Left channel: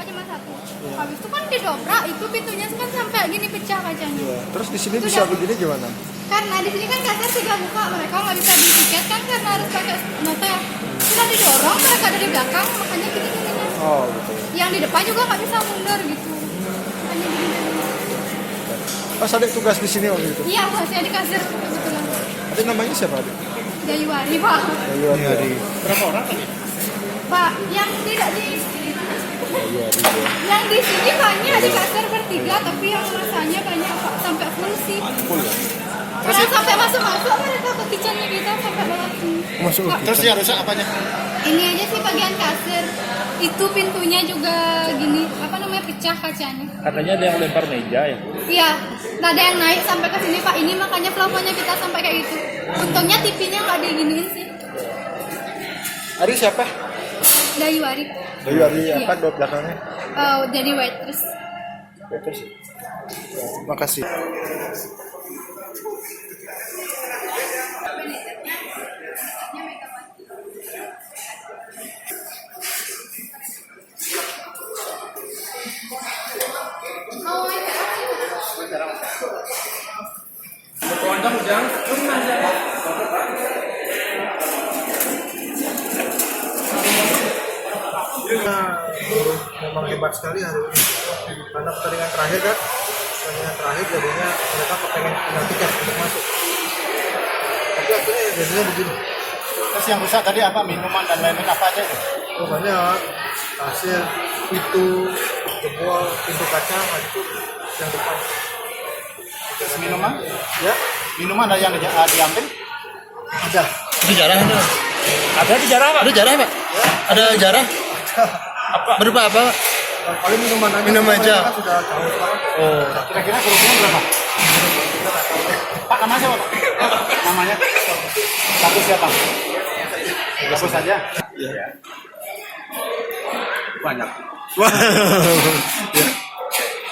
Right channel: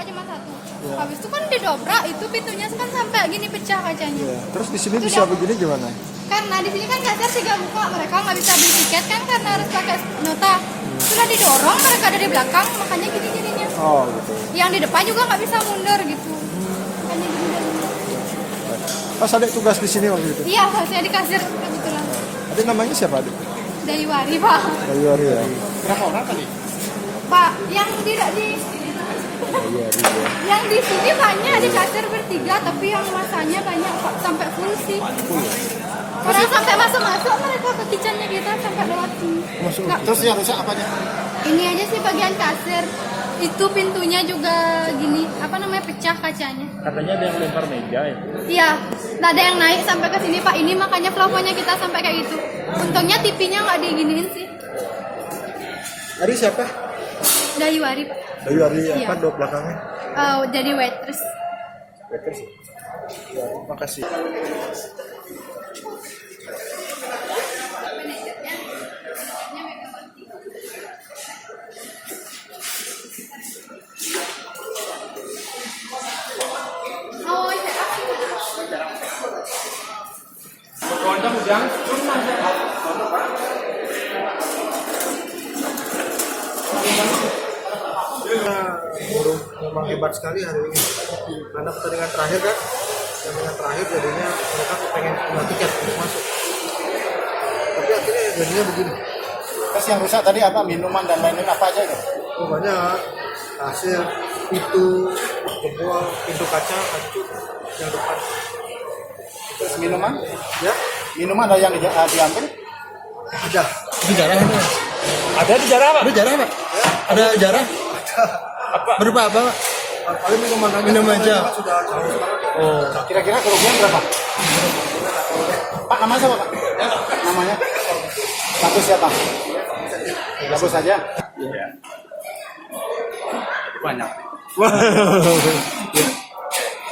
buka cuma satu. Habis itu kan didobrak, itu pintunya kan sampai gini pecah kacanya. Terus di sini Itu bisa dia. begini gimana? Karena di sini kan kasir 3 buka, mereka nggak bisa beli tiket kan karena harus pakai nota. Sudah didorong, mereka ada di belakang, makanya gini-gininya. Oh gitu. Yang di depan juga nggak bisa mundur gitu. Makanya gini-gini. Pas ada tugas di sini waktu itu. Iya, harusnya di kasir kebetulan. Ada namanya siapa adik? Dayuwari, Pak. Ayo dari. Berapa orang tadi? Pak, yang tidak di Ayo ya. yang di sini banyak di kasir bertiga, tapi yang masanya banyak Pak, sampai full sih. Full ya? Kalau sampai masuk-masuk mereka ke kitchennya kita sampai lewat sini. Masuk Nggak, ke Terus yang rusak apanya? ini aja sih bagian kasir. Itu pintunya juga gini, apa namanya, pecah kacanya. Katanya ada yang lempar meja ya. Iya, nggak ada yang naik sampai ke sini Pak. Ini makanya plafonnya kita sampai kayak gitu. Untungnya TV-nya nggak diginiin sih. Ari siapa? Dayuwari. Ayo Ari Iya. apa dua belakangnya? Jadi waitress. Terus. Ya, terima kasih. Memang hebat sekali hari ini karena pertandingan terakhir kan, pertandingan terakhir jadinya mereka kepengen punya tiket untuk masuk, tapi akhirnya jadinya begini. Terus yang rusak tadi apa? Minuman dan lain-lain apa aja itu? Oh banyak, kasir, pintu jebol, pintu kaca hancur yang depan. Terus minuman? Ya Minuman ada yang diambil? ada. Itu jarah itu. Ada di jarah Pak. Ada jarah Pak? Ada jarah? Berupa apa Pak? Paling minuman aja. Minum aja. Kan sudah jauh sekarang. Oh. Kira-kira kerugian berapa? Pak namanya siapa Pak? Namanya? Satu siapa? Satu saja? Iya. Banyak.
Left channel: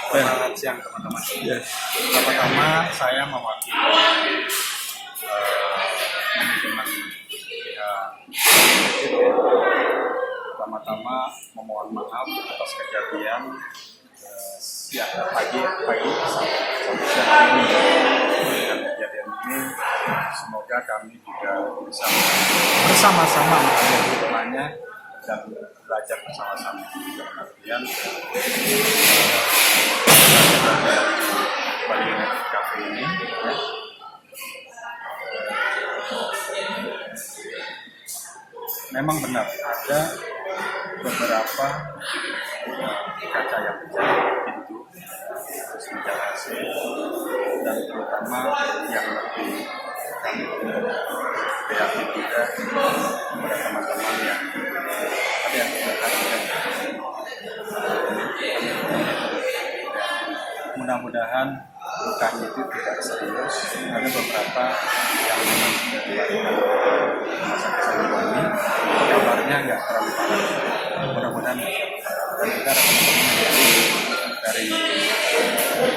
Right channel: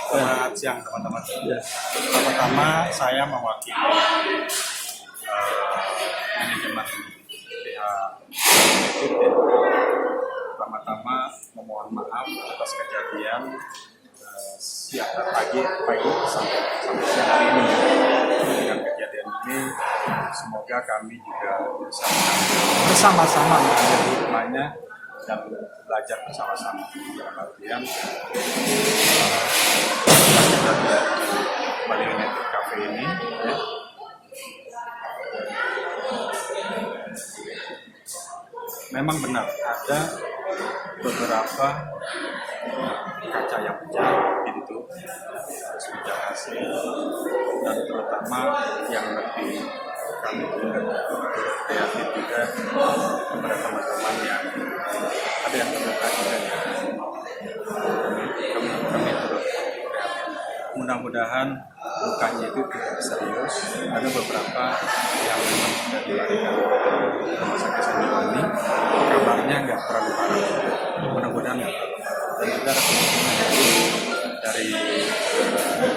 Selamat siang teman-teman. Pertama saya mewakili manajemen pihak pertama-tama memohon maaf atas kejadian pagi sampai siang ini. Dengan kejadian ini semoga kami juga bisa bersama-sama mengambil hikmahnya dan belajar bersama-sama. Dalam artian Bali Cafe ini ya, memang benar ada beberapa kaca yang pecah pintu, terus meja AC, dan terutama yang lebih kami prihatin juga kepada teman-teman yang ada yang terluka. Kami turut prihatin. Mudah-mudahan lukanya itu tidak serius. Ada beberapa yang memang sudah dilarikan ke rumah sakit Siliwangi. Kabarnya nggak terlalu parah. Mudah-mudahan nggak terlalu parah. Dan juga ada teman-teman dari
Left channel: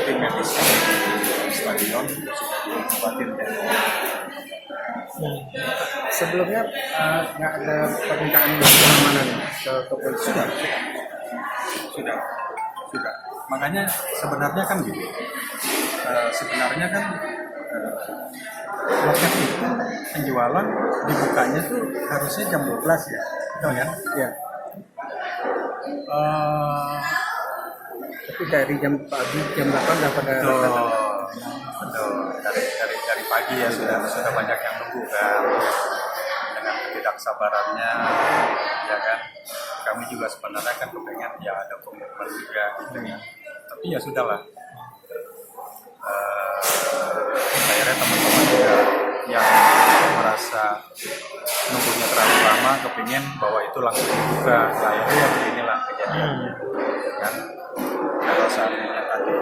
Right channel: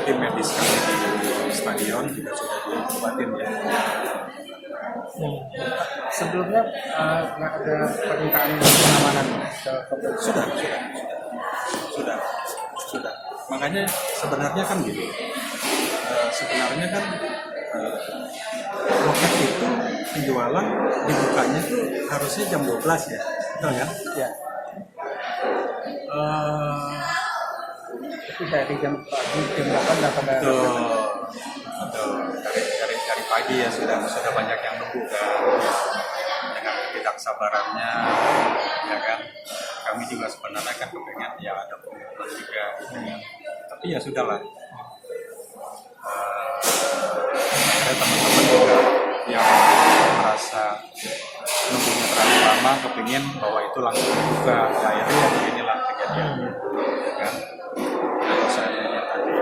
tim medis di stadion juga sudah diobatin ya. Sebelumnya nggak ada permintaan pengamanan ke polisi. Sudah. Makanya sebenarnya kan gitu. Sebenarnya kan loket itu penjualan dibukanya tuh harusnya jam 12 ya, betul kan? Ya. Tapi dari jam pagi jam 8 sudah pada. Betul. Dari pagi ya sudah banyak yang nunggu kan, ya. Dengan ketidaksabarannya, ya kan. Kami juga sebenarnya kan kepengen ya ada komitmen juga gitu ya. Tapi ya sudahlah. Akhirnya teman-teman juga yang merasa nunggunya terlalu lama kepingin bahwa itu langsung dibuka, ya akhirnya ya beginilah kejadiannya, ya kan. Kalau seandainya tadi